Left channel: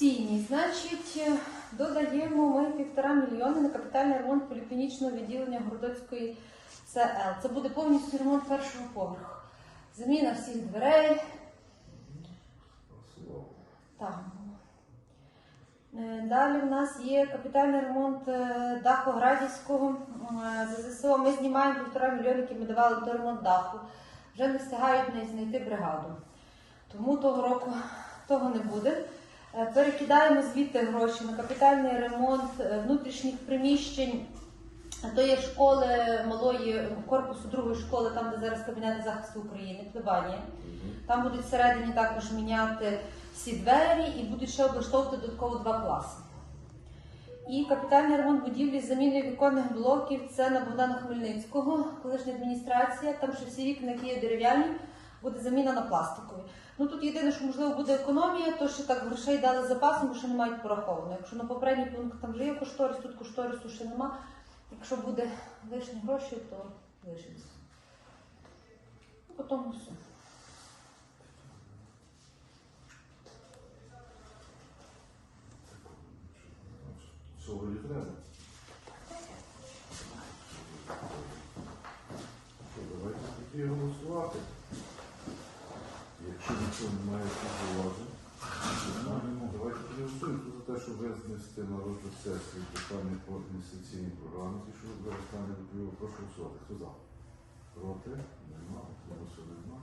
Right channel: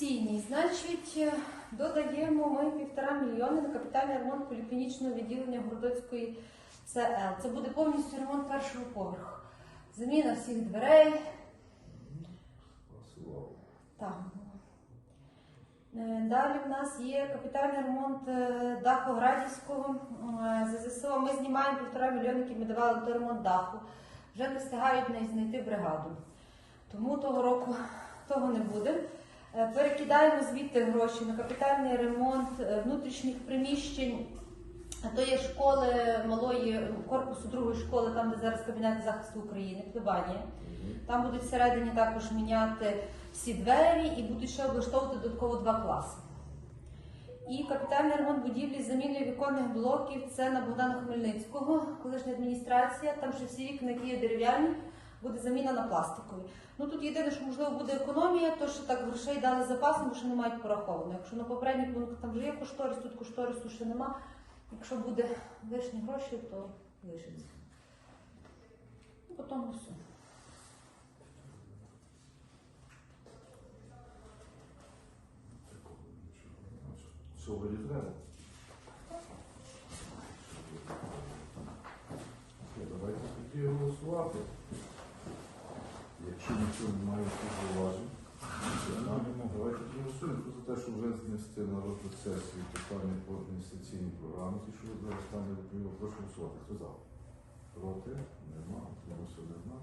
Цінні, значить, е, додаємо ми півтора мільйони на капітальний ремонт поліклінічного відділення Городоцької ЦЛ. Це буде повністю ремонт першого поверху. Заміна всіх дверей. Так. Е, Далі в нас є капітальний ремонт е, даху Градівського. ЗСО ми знімаємо півтора мільйони, які ми давали на ремонт даху. Вже не встигають знайти бригаду. Тому того року того не буде. Е, Перекидаємо звідти гроші на капітальний ремонт е, внутрішніх приміщень. А То є школи малої корпусу другої школи, там де зараз кабінет захисту України, плебанія. Там будуть всередині також міняти всі двері і будуть ще облаштовувати додатково два класи. І капітальний ремонт будівлі з заміною віконних блоків це на Богдана Хмельницького, колишня адміністрація. Там ще всі вікна, які є дерев'яні, буде заміна на пластикові. Ну тут єдине, що можливо буде економія, то що так грошей дали запасом, що не мають пораховано. Якщо на попередній пункт там вже є кошторис, тут кошторису ще нема. Якщо буде лишні гроші, то лишиться. Ну, потім все. Давайте тоді голосувати. Якщо ніхто не має зауважень, давайте тоді голосуємо Хто за те, що вже знести на розгляд сесії питання по інвестиційній програмі, ті, що ви зараз стане доповіло, прошу голосувати. Хто за? Проти? Нема. Утримався нема.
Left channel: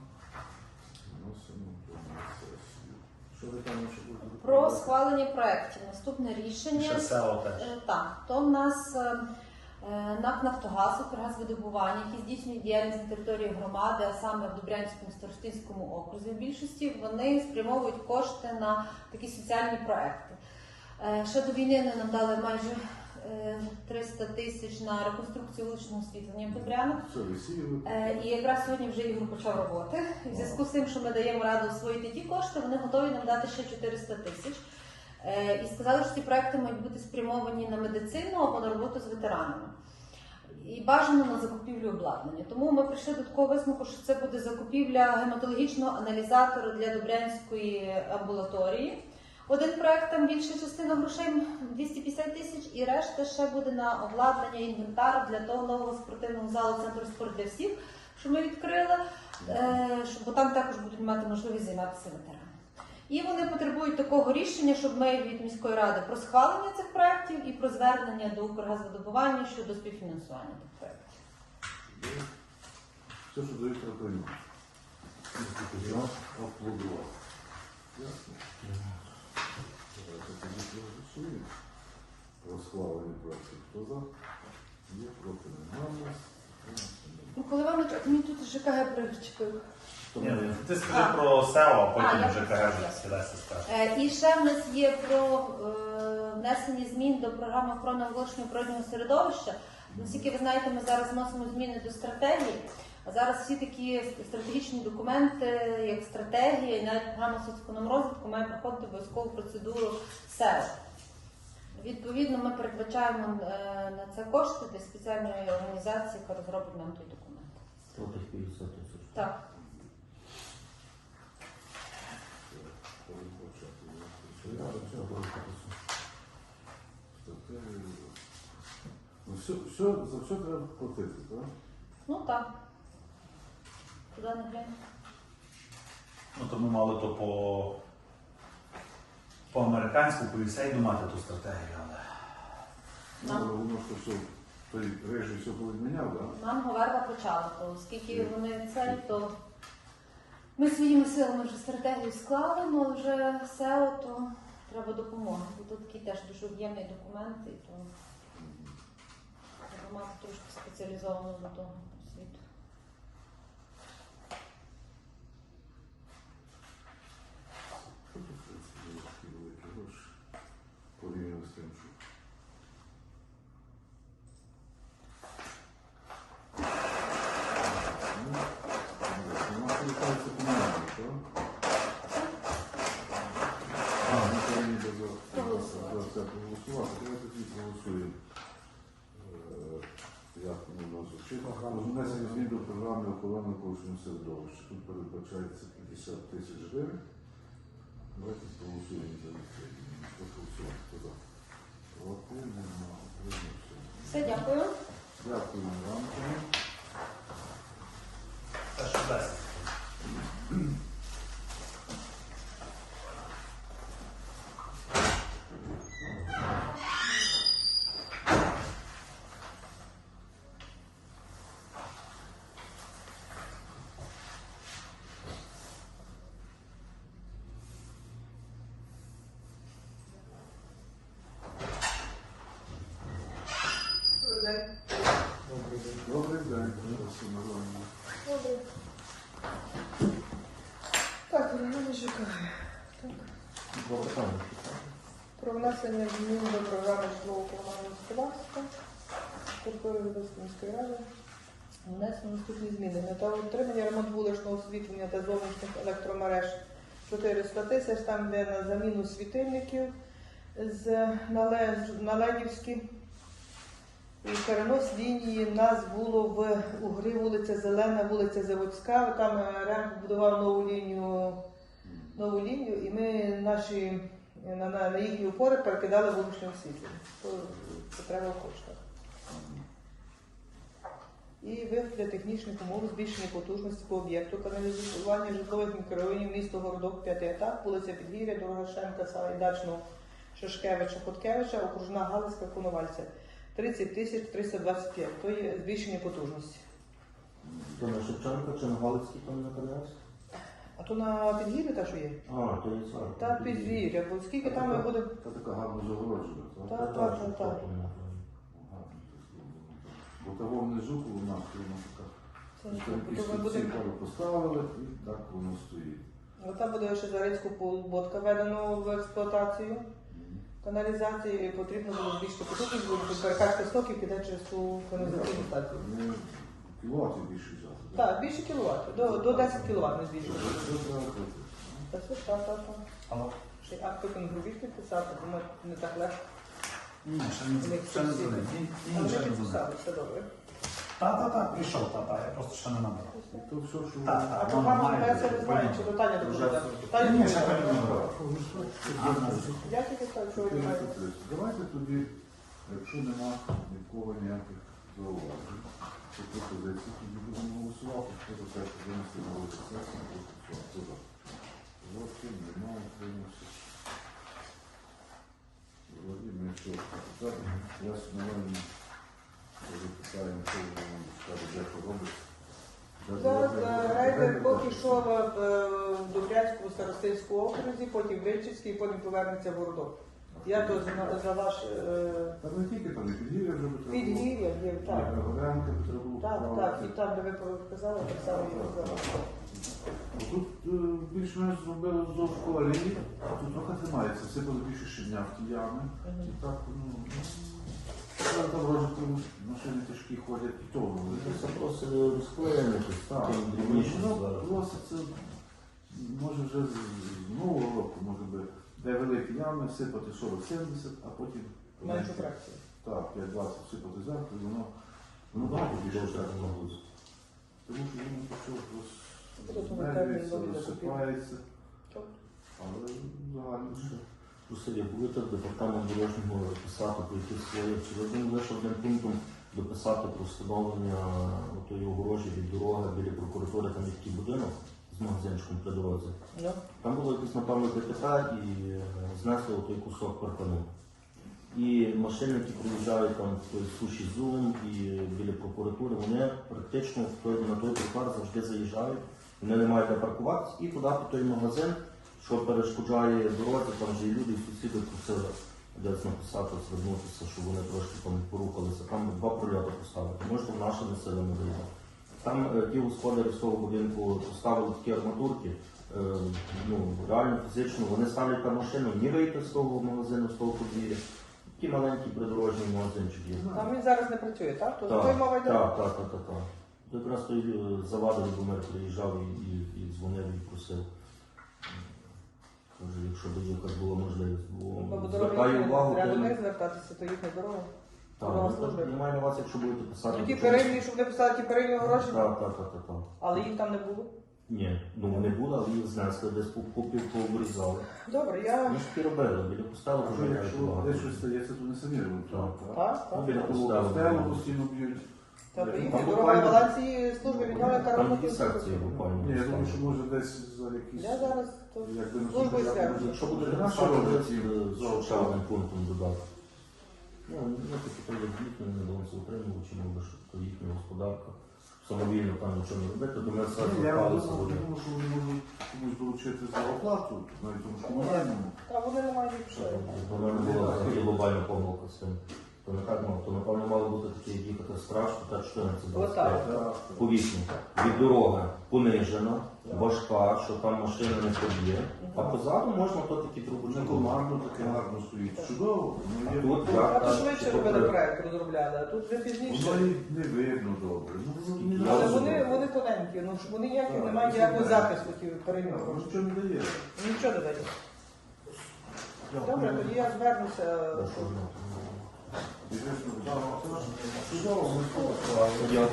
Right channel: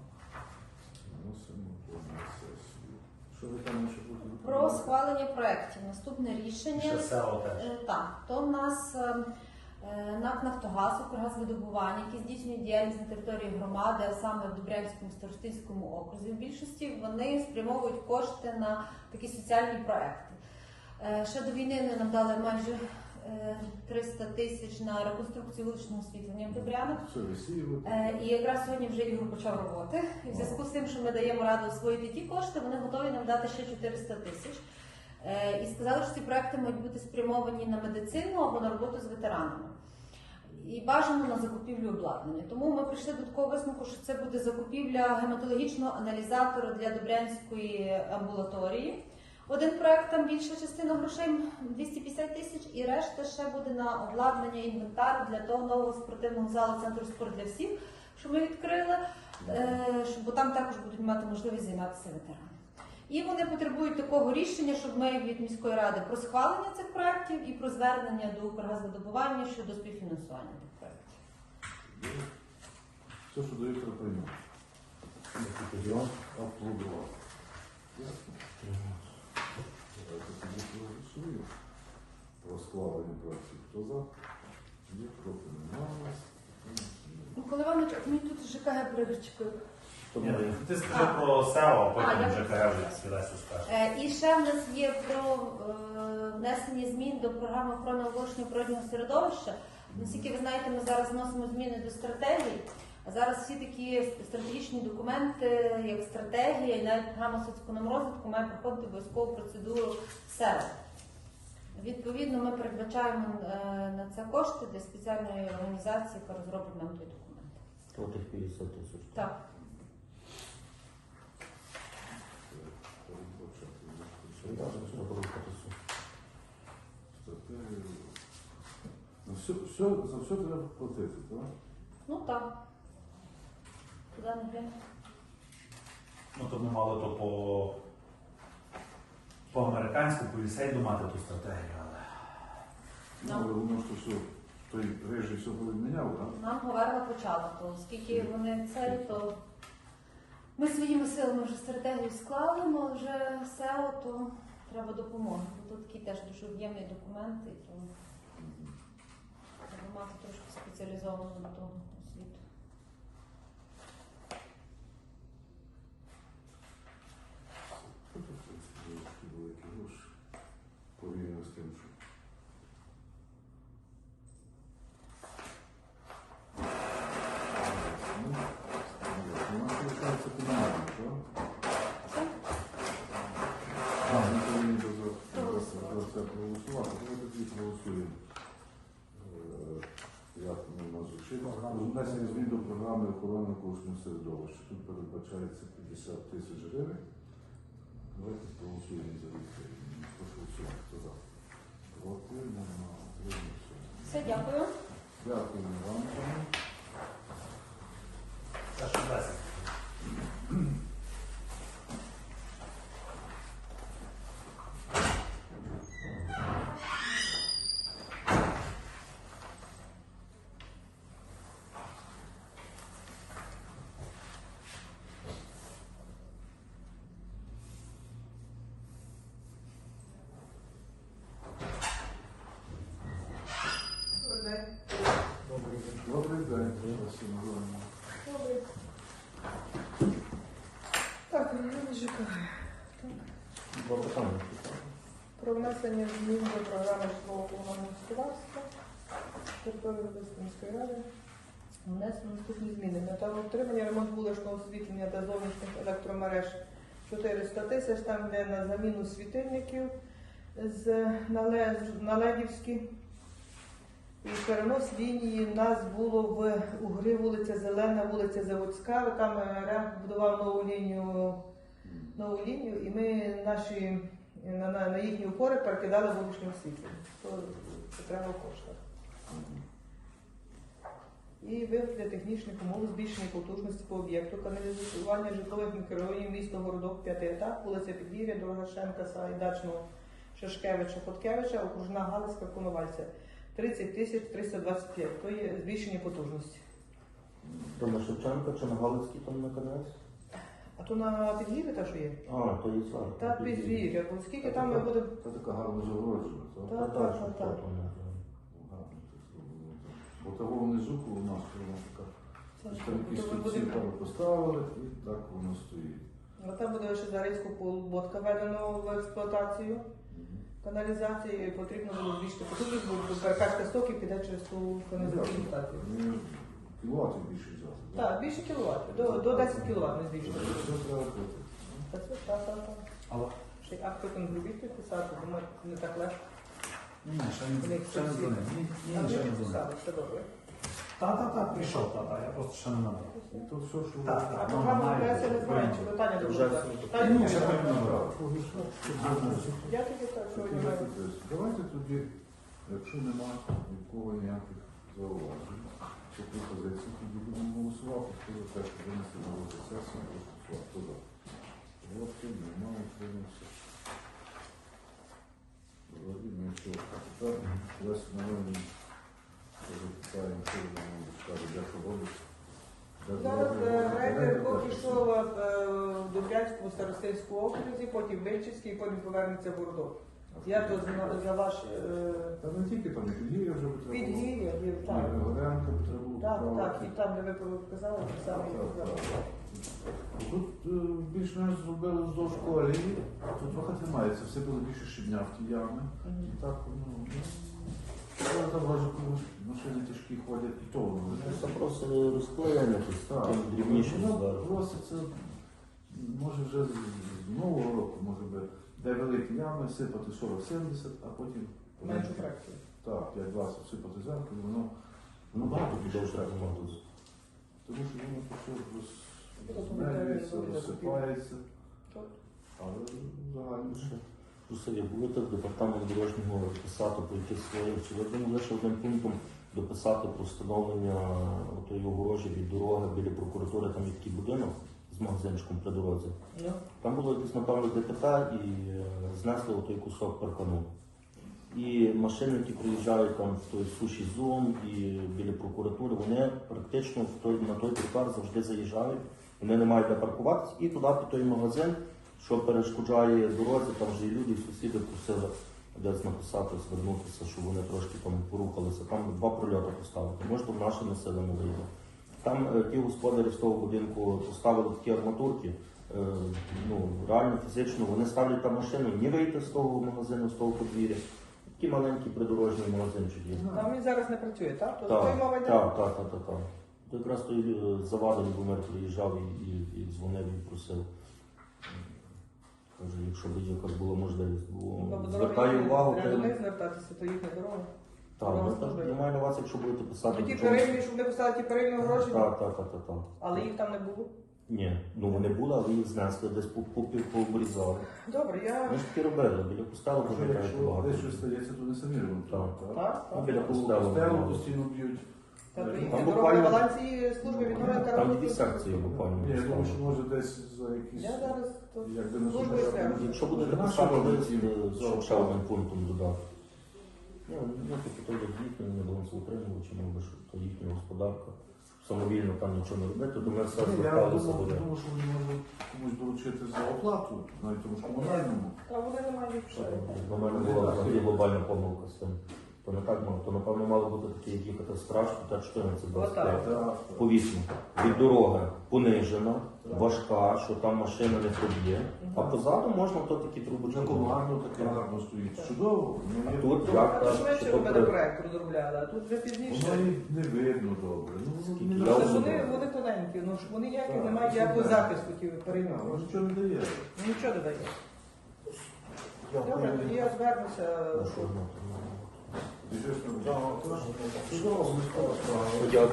Вносимо на сесію. Що ви там ще будете Про схвалення проєктів. Наступне рішення. Ще село теж. Е, Так, то в нас е, е, НАК «Нафтогаз», «Укргазвидобування», які здійснюють діяльність на території громади, а саме в Добрянському Старостинському окрузі. В більшості вони спрямовують кошти на такі соціальні проекти. Е, Ще до війни нам дали майже е, 300 тисяч на реконструкцію вуличного освітлення в Добрянах. Е, І якраз сьогодні вже Ігор почав роботи. В зв'язку з тим, що ми даємо раду освоїти ті кошти, вони готові нам дати ще 400 тисяч. Е, І сказали, що ці проекти мають бути спрямовані на медицину або на роботу з ветеранами. І бажано на закупівлю обладнання. Тому ми прийшли до такого висновку, що це буде закупівля гематологічного аналізатора для Добрянської амбулаторії. Один проект там більша частина грошей 250 тисяч, і решта ще буде на обладнання інвентару для того нового спортивного залу центру спорт для всіх, що ми відкрили, е, бо там також будуть мати можливість займатися ветерани. І вони потребують такого рішення, щоб ми від міської ради про схвалення цих проєктів і про звернення до Укргазвидобування щодо співфінансування тих проєктів. Все, що. Давайте тоді проголосуємо. Про схвалення проектів. Хто за? Є проти немає. Ну, коли вам мені тут ЖКГ причепив. Ні, Ти скажи про село, А, потім я- вже КГ сідайся скаже. Е, І ще в нас є про е, внесення змін до програми охорони навколишнього природнього середовища. Наскільки ви знаєте, ми зараз вносимо зміни до стратегії. А зараз всі такі стратегічні документи, як стратегія, і навіть програма соцекономрозвитку має проходити обов'язкову процедуру СЕР. Відповідно, ми передбачаємо е, на це кошти для спеціальної організації, яка розробить нам той документ. 50 тисяч. Так. Ну, все, все, за все треба платити, так? Ну так. Куди не глянь. Ну то ми мали то по, по американську, по USAID мати ту стратегію, але. Ну, воно ж то все, той режим все повідміняв, так? Нам Говерга почала, то оскільки вони це, то ми своїми силами вже стратегію склали, але вже все, то треба допомога. Бо тут такі теж дуже об'ємні документи, то треба мати трошки спеціалізовану до того освіту. Що тут такі великі гроші порівняно з тим, що? Внесення змін до програми охорони навколишнього середовища. Тут передбачається 50 тисяч гривень. Давайте проголосуємо за відповідь. Прошу хто за. Голосуємо на прийняття. Все, дякую. Дякую вам. Дякую. Ще 10. Добрий день, Василь Мироновна. Так, Ірина Жукова. Два питання. Про внесення змін до програми житлового комунального господарства території міської ради. Внесено наступні зміни. На того отримання ремонт вуличного освітлення та зовнішніх електромереж 400 тисяч, там йде на заміну світильників з нале- на Левівській. Перенос лінії в нас було в Угри, вулиця Зелена, вулиця Заводська. Там е, РЕМ будував нову лінію нову лінію, і ми наші на, на, на їхні опори перекидали вуличне освітлення. То потреба в коштах. І вигляд технічних умов збільшення потужності по об'єкту каналізування житлових мікрорайонів місто Городок, п'ятий етап, вулиця Підвір'я, дорога Шемка, Сала Шашкевича, Хоткевича, окружна Галицька, Коновальця. 30 тисяч 325. То є збільшення потужності. То на Шевченка чи на Галицький там на КНС? А то на Підвір'я та що є? А, то є сам. Так, Підвір'я, бо скільки там ми будемо Та така гарно загороджена, так? Так, так, ну, так. Бо того внизу у нас така. Це буде- буде- пару поставили і так воно стоїть. Оце буде ще Зарецьку полуботка введено в експлуатацію. Каналізацію, і потрібно було більше потужність, бо перекачка стоків піде через ту каналізаційну станцію. Ну, кіловатів більше взяти. Так, більше кіловат, до, до 10 кіловат не збільшити. Все треба платити. Та все, так, так, так. Але Ще акти контриб'ють підписати, думаю, не так легко. ні, ще не Вони ще не всі- Ні, ще не дзвонив. все добре. Та, та, та, прийшов, та, та, я просто ще не мав. І то все, що Так, так. питання. Питання Ні, ще не знаєте. Давайте тоді, якщо немає нікого ніяких зауважень, то пропозиції тоді будемо голосувати, що за те, що винести на розгляд сесії, прошу Хто за? Проти, немає, утримався. Вроді ми все. А тепер Нам скаже, де робить. Зараз е, рейдер де поки що в е, Дубрянському старостинському окрузі, потім Вильчицький, потім повернеться в Городок. Я то за, ваш е, Та не тільки там, і підгір'я вже би підгір'я, так. І Горянка би Так, так, і там, де ви показали, так само показали. Тут більш-менш зробили вздовж колії, а тут трохи тримається, все було більше щебня в ті ями. І так, ну, ну, там вроде машини тяжкі ходять, і то воно Це буде. просто розкроєння якесь, Так, там дрібніше воно зараз. просто це, може вже з з нового року, може би, де великі ями, сипати 40-70, а потім Меншу фракцію. так, 5-20 сипати зверху, і воно, воно багато більше Довше треба. треба буде. Тому що воно то все розмерюється, ми розсипається, але загально ще. Як будете в департамент дорожнього писати про свої, чи ви лише одним пунктом дописати про встановлення отої огорожі від дороги біля прокуратури, там є такий будинок з магазинчиком при дорозі. Ну, Там було якесь, напевно, ДТК і е, знесли отой кусок паркану. І машини, які приїжджають там в той суші зум і біля прокуратури, вони практично на той тротуар завжди заїжджають. Вони не мають де паркуватися і туди під той магазин, що перешкоджає дорозі, там вже і люди, і сусіди просили десь написати, звернутися, щоб вони трошки там порухалися. Там два прольоти поставити. Може, там нашими силами вийде. Там е, ті господарі з того будинку поставили такі арматурки. е, Ну, реально фізично вони ставлять там машину, ні вийти з того магазину, з того подвір'я. Такі маленькі придорожні магазинчик є. там він зараз не працює, так? То Так, так, йде. так, так, так, Якраз той е, завадив Любомир приїжджав і, і, і дзвонив і просив. Каже, якщо б якась була можливість, бо Бо звертаю увагу, то не звертатися, то їхня дорога. так, дорога ну, так, я маю на увазі, якщо будете писати. Ті то передні, щоб не писали ті передні гроші, Так, так, так, так, так. але їх там не було. Ні, ну вони були, але їх знесли, десь по- по- пообрізали. Добре, я Ми ж таки робили, біля костелу вже якщо десь щось стається, то не самі ремонтують, Так. так? так, Ну, так. біля костелу постійно б'ють. Там буквально- балансі служби Ну, відновлення та Там ремонту. секції буквально. Ні, я думаю, що може десь за якісь... Я зараз то Якби. Якщо буде Вже наші достатньо, роблять з за ще одним пунктом додати. Ну, ну, тобто є їхні, не будемо це утримувати, мов би, що їхня господарка. Самовільно там нічого не робити, то ми все Ні, Я до думав, що вони можуть комусь доручити за оплату, навіть тому що комунальному. А вони не мають. Вона не була взагалі глобальна помилка з цим. То не так мало, то напевно мали бути такі, як їхати страшно, так що на це Отак. Повісно. Від дороги понижена, важка, що там машина не приб'є. А позаду можна то такі трубочки. командно таке гарно стоїть. Чудово, воно є. тут А як то швидше робили проект, розробляли, а тут вже пізніше. Воно і не видно добре. Ну, воно Але вони, вони тоненькі, ну ж вони ніякі Так, не мають ніякого захисту ті Воно нічого не дає. Нічого не дає. Добре, тоді я звернуся.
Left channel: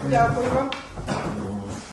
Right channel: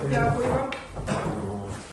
Дякую.